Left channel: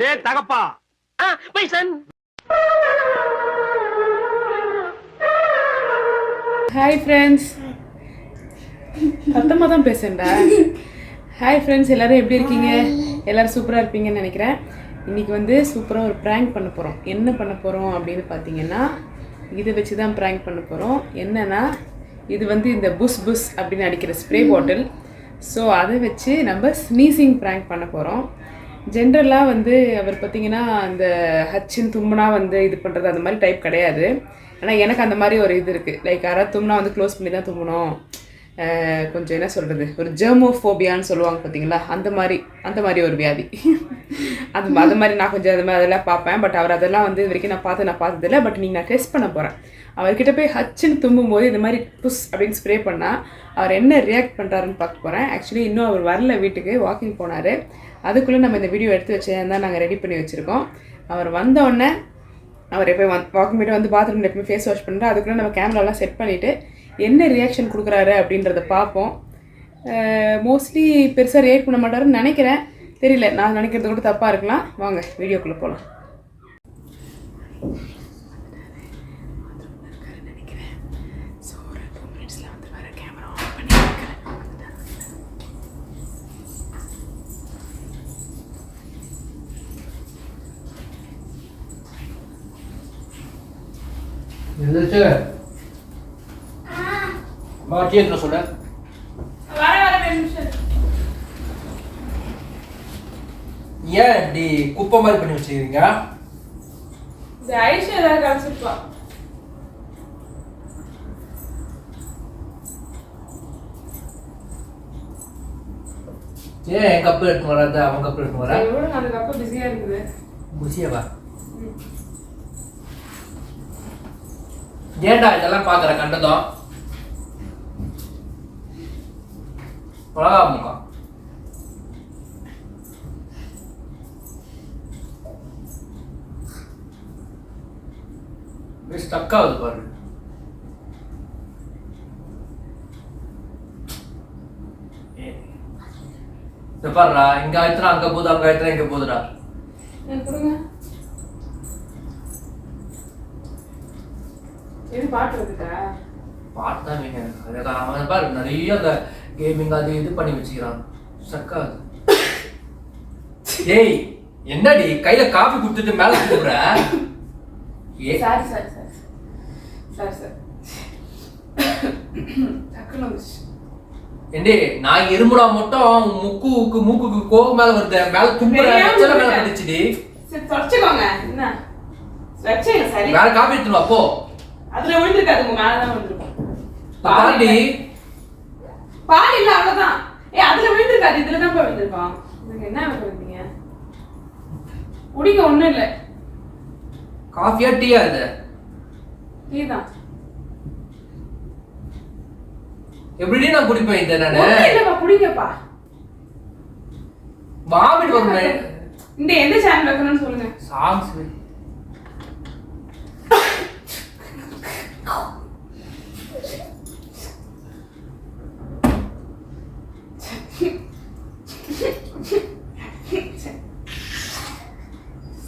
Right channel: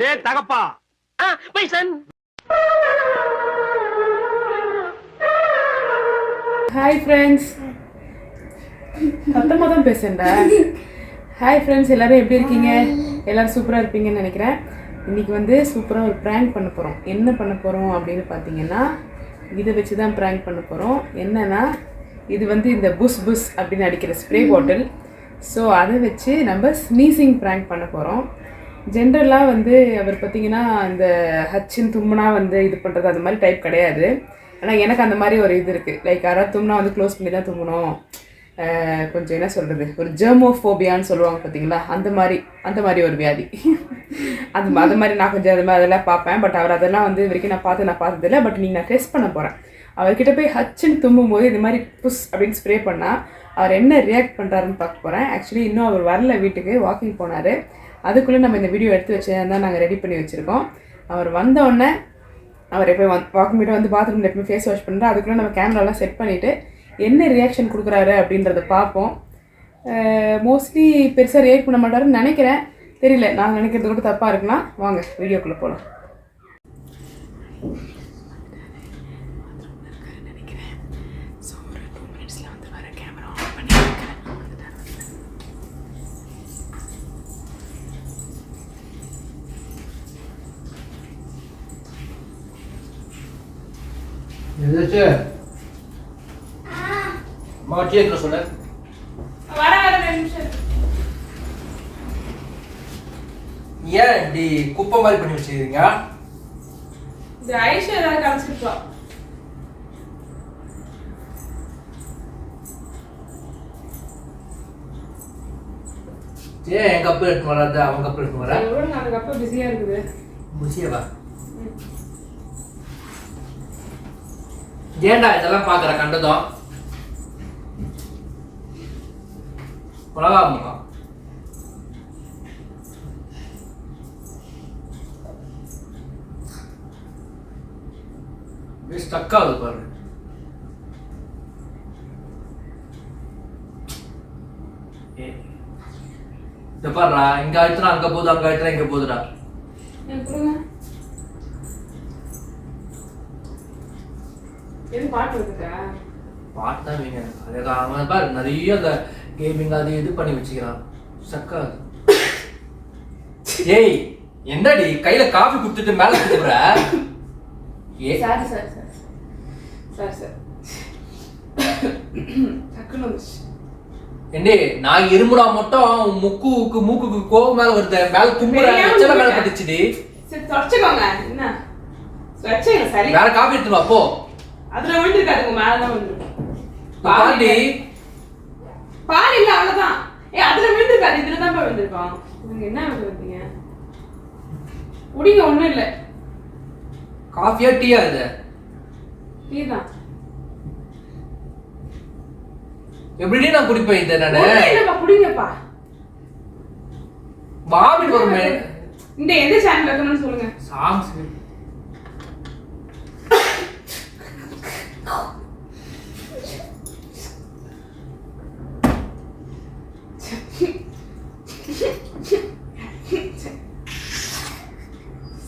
டேய் தகப்பா. My son. Hi friends. சத்தமாக தான் பேசுண்டா. ஹாய் ஃப்ரெண்ட்ஸ், எல்லோரும் எப்படி இருக்கீங்க? எல்லோரும் சூப்பராக இருப்பீங்கன்னு நினைக்கிறேன். இன்றைக்கி வந்து சூப்பராக ஒரு ப்ராங்க் பண்ண போகிறோம். என்ன பண்ண போகிறோம் அப்படின்னு பார்த்தீங்கன்னா, இதை வச்சு தான் ப்ராங்க் பண்ண போகிறோம். என்னென்னா, இது வந்து இந்த புஷ் புஷ் அப்படின்னு அடிக்கிற ஸ்ப்ரே பாட்டில். ஸோ அதை வச்சு நம்ம ஸ்னீசிங் ப்ராங்க் பண்ண போகிறோம். ஜென்ரலாக வந்து அவர் பார்த்திங்கன்னா இந்த ஹச்சின் தும்முனா வந்து இது பண்ணுறது அந்த மாதிரி டைப் கிடையாது. ஆனால் எனக்கு அந்த மாதிரி ஒரு இது இருக்குது. லைக் யாராவது தும்னா வந்து க்ளோஸ் பண்ணி தான் தும்மணும். கொஞ்சம் என்ன சொல்கிறது, ஒரு ஜெர்மோஃபோபியான்னு சொல்லுவாங்க பார்த்தீங்களா, அந்த மாதிரி ஒரு வியாதி. அது மாதிரி நான் கொஞ்சம் அதெல்லாம் பார்ப்பேன். பட் அவர் அதெல்லாம் வந்து இது வரைக்கும் நான் பார்த்ததில்லை. பட் நீங்கள் நான் டெஸ்ட் பண்ண போகிறேன். அவர்கிட்ட போய் ஹச்சுன்னு தும்பும்போது இது மாதிரி புஷ் அப்படின்னு ஸ்ப்ரே பண்ணால் அவர் என்ன ரியாக்ட் பண்ணுறாருன்னு பார்க்க போகிறேன். ஆக்சுவலி இன்னும் அவர் வரல, வீட்டுக்கு வாக்கிங் போனார். அதுக்குள்ளே நம்ம இந்த வீடியோ எடுத்து வச்சேன் தான் நாங்கள் ரெடி பண்ணி வச்சுருக்கோம். அவர் வந்தோடனே அவர் எப்போ வாக்கிங் போய்ட்டு வந்து பாத்ரூமில் எப்பவுமே ஃபேஸ் வாஷ் பண்ணுறோம். அதுக்குள்ளே நம்ம கேமராலாம் செட் பண்ணிவிட்டு என்ன ரியாக்ஷன் கொடுக்குறாரு அப்படின்றத பார்ப்போம். மோஸ்ட்லி பெருசாக ரியாக்ட் பண்ண மாட்டாருன்னு நினைக்கிறேன். தெரியல, நான் நினைக்கிறது கூட தப்பாக இருக்கலாம். வாங்க வீடியோக்குள்ளே போகலாம். எதாச்சு அம்மா டீ எடுத்து சொல்ல. ஏன் இப்படி குப்பை மாதிரி பண்ணி வச்சிருக்கீங்க? இது ஐஸ் ஏதாவது கலச்சிருப்பா. ஏன் என் கப்பு எடுத்து வராது, அவன் கப்பு எடுத்து வர? அந்த கப்பு பிஸியாக இருக்குது. பிஸியாவா? ஏண்டா இதெல்லாம் பாக்குற கண்டதும் முக்கா ஸ்டக் ஆகுது பாரு. பாருடா, இங்க ஆயிடுச்சுனா அங்க போகுது, அங்க ஆயிடுச்சுனா இங்க போகுதுடா. பாட்டு தான் நீங்க அவன் பாரு நிறைய அந்த கேமிங் அது இது பண்ணி வச்சுக்கிறான். சக்காது. ஏய் என்னடி கையில காபி குடுத்துட்டு மேல குடுக்குற? ஏ சாரி ஏண்டி நான் இருமுடா மட்டும் மூக்குக்கு கோகு மேல வருது, மேல தும்புற எச்சல மேல பட்டுச்சுடி. சரி தொடச்சுக்கோங்க. என்ன வெச்சேங்க சரி. வேற காபி எடுத்து வா போ. அதுல விழுந்திருக்காதுங்க, மேலதான் விழுந்திருக்கும். பாடி பால் இல்ல அவ்வளவுதான். அதுல விழுந்திருக்காது, இதுலதான் போய் விழுந்திருக்கோம். நீங்க என்ன பண்றீங்க? குடிங்க, ஒண்ணும் இல்ல. காஃபியா டீயா இது? டீ தான். எப்படி நான் குடிப்பேன் இத நானு? இல்லப்பா குடிங்கப்பா. வாமிட் வருமே. இந்த எந்த சேனல் வைக்கணும்னு சொல்லுங்க. சாங்ஸ்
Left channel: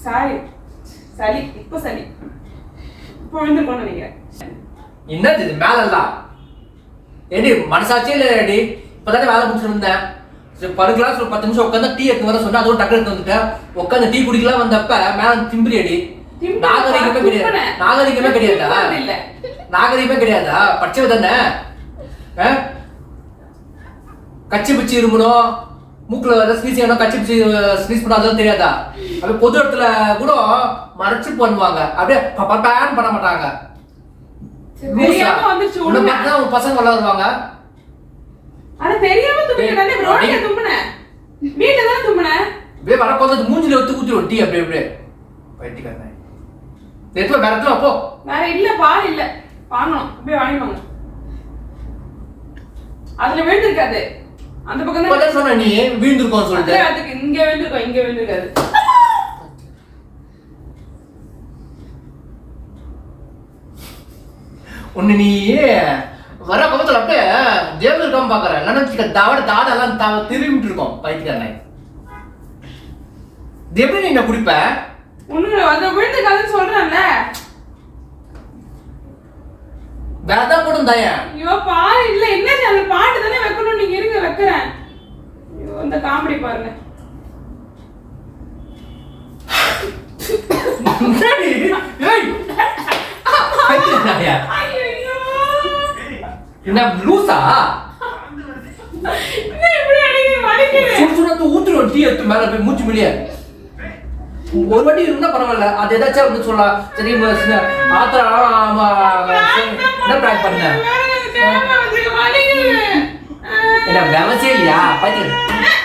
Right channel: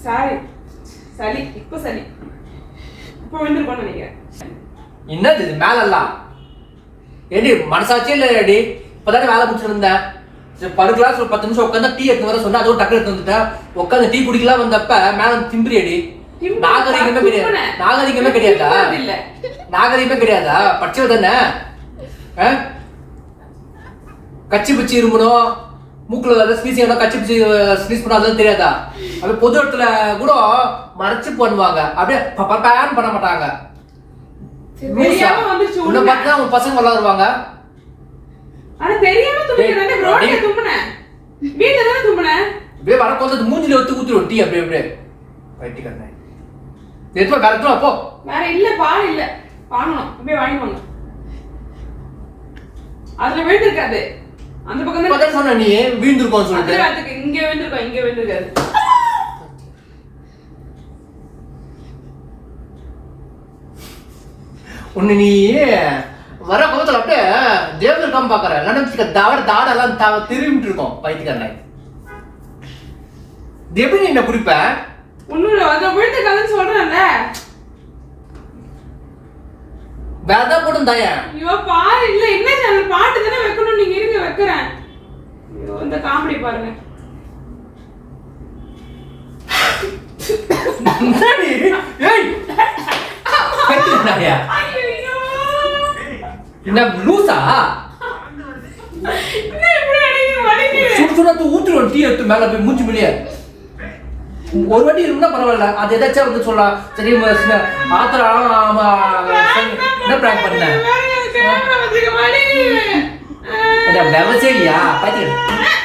சாரி சளி, இப்ப சளி இப்ப விழுந்திருக்கோன்னு நினைக்கிறேன். என்னது இது மேலெல்லாம்? ஏடி மனசாட்சியே இல்லடி. இப்பதானே வேலை முடிச்சுட்டு இருந்தேன். படுக்கலாம் ஒரு 10 நிமிஷம் உட்காந்து டீ எடுத்து வர சொன்னா அதுவும் டக்கு எடுத்து வந்துட்டேன். உட்காந்து டீ குடிக்கலாம் வந்தப்ப மேல திம்பிரியடி. நாகரிகமே கிடையாது. நாகரிகமே கிடையாதா? நாகரிகமே கிடையாதா? படிச்சவ தானே. கச்சி பிச்சு இரும்பணும், மூக்குல ஸ்னீஸ் ஆனா கச்சி பிச்சு ஸ்னீஸ் பண்ணா அதெல்லாம் தெரியாதா? அப்படியே பொது இடத்துல கூட மறைச்சு பண்ணுவாங்க, அப்படியே பேன் பண்ண மாட்டாங்க. உன் பசங்க வளருவாங்க. ஆனா தெரியாம தும்முனே, ரோட்ல தும்முனே, வீட்ல தான் தும்முனே. அப்படியே வரப்போது மூஞ்சில ஒத்து குத்திரும் டீ அப்படியே அப்படியே பைத்தியக்காரனே. நேத்து வேற எதுவும் அப்போ வேற இல்ல, பால் இல்ல, வாங்கணும். அப்படியே வாங்கிவாங்க. அதுல விழுந்திருக்காது. அந்த பக்கம் தான் சொன்ன நீ வீழ்ந்திருக்கோன்னு சொல்லிட்டு. அதுக்கு இங்க விழுந்திருக்கோம், இங்க விழுந்திருக்காது. ஒன்னு நீ வர பக்கத்துல அப்படியே தேவதர் இருக்காம பாக்குற, இல்லைன்னா தாடெல்லாம் திரும்பிட்டு இருக்கோம் பைத்தியக்காரனை. எப்படி நீ என்ன குடிப்ப? ஒண்ணு அது விழுந்த கதைன்னு சொல்றேன்ல. வேற போடும் தாயா. ஐயோ பாரு இல்ல என்ன சேனல் பாட்டு தானே வைக்கணும் நீங்க இருங்க வைக்கிறேன். ஐயோ இந்த காமெடி பாருங்க. ஏய் பைத்தியக்காரியா? என்ன லூசா? என்ன இப்படி அடிக்குது வலிக்குது. சுடுசுடா ஊத்துறோம் டீ எடுத்து மேல போய் மூஞ்சி வெளியே. ஒரு வாட்டி இருந்தா பரவாயில்ல. அது ஏதாச்சும் வந்து சொல்லலாம். சரி ஆத்திர என்ன பிராங்க் பண்ண? என்ன வேலைச்சே இல்லையா? பைத்தியம்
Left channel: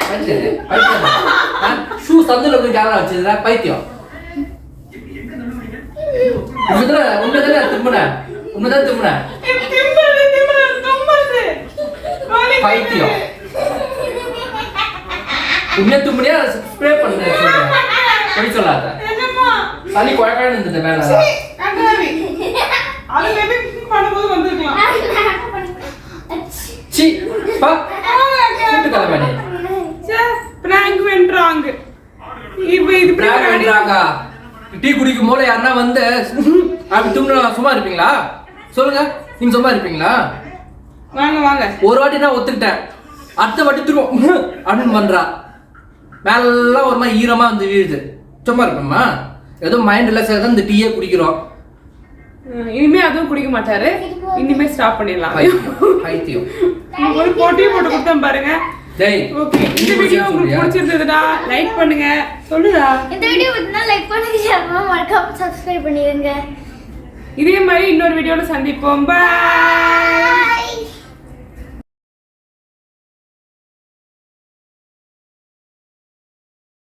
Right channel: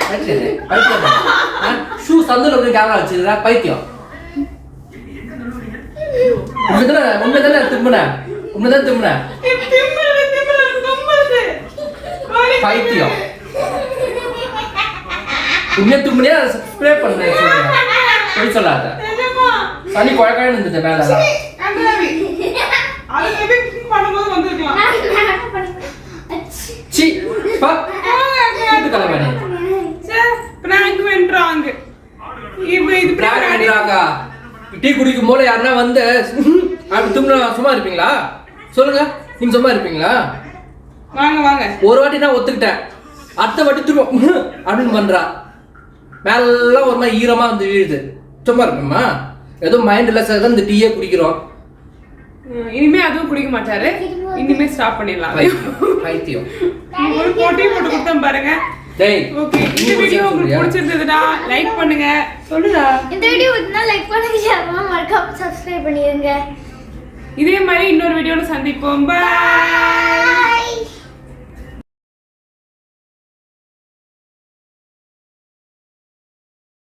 பைத்தியம் பைத்தியம். ஷூ சந்தில வந்து கேமரா வச்சிருக்கா பைத்தியம். உண்மைதானே திரும்பின உண்மைதான் திரும்பின பைத்தியம். உண்மையா தும்பினியா ஸ்ப்ரே பண்ண சொல்றேன் சொல்லாத. சளி குழக்கான்னு இருந்தது மேல. சி பா கூட்டு கலவாணி. பிராங்க் வென்றாங்க. இப்போ இது பிராங்க் வென்றாங்க. டீ குடிக்கும் போல யாருன்னா வந்து அப்படி தும்னா சும்மா இருப்பீங்களா? சொல்லுங்க, நீங்க சும்மா இருப்பீங்களா? வாங்க வாங்க. ஒரு வாட்டி நான் ஒத்துக்கிட்டேன், அடுத்த வாட்டி திரும்ப அப்படின்னு பண்றா. மேலாம் ஒரு மாதிரி ஈரமா வந்து வீழுது. சும்மா இருப்போம்மா, ஏதோ மைண்ட் ரிலாக்ஸ் தான் இந்த டீயே குடிக்கிறோம். இனிமே அதுவும் குடிக்க மாட்டாரு. இனிமே ஸ்டாப் பண்ணிடலாம். பைத்தியம். ஒரு போட்டி போட்டு கொடுத்தோம் பாருங்க. டேய் ஓகே, இந்த வீடியோ உங்களுக்கு பிடிச்சிருந்ததுடா லைக் பண்ணுங்க. சொல்லுடா. இந்த வீடியோ பிடிச்சிருந்தா லைக் பண்ணுங்க, ஷேர் பண்ணுங்க, மறக்காம சப்ஸ்கிரைப் பண்ணிடுங்க. இதே மாதிரி இன்னொரு வீடியோல சந்திப்போம். பை.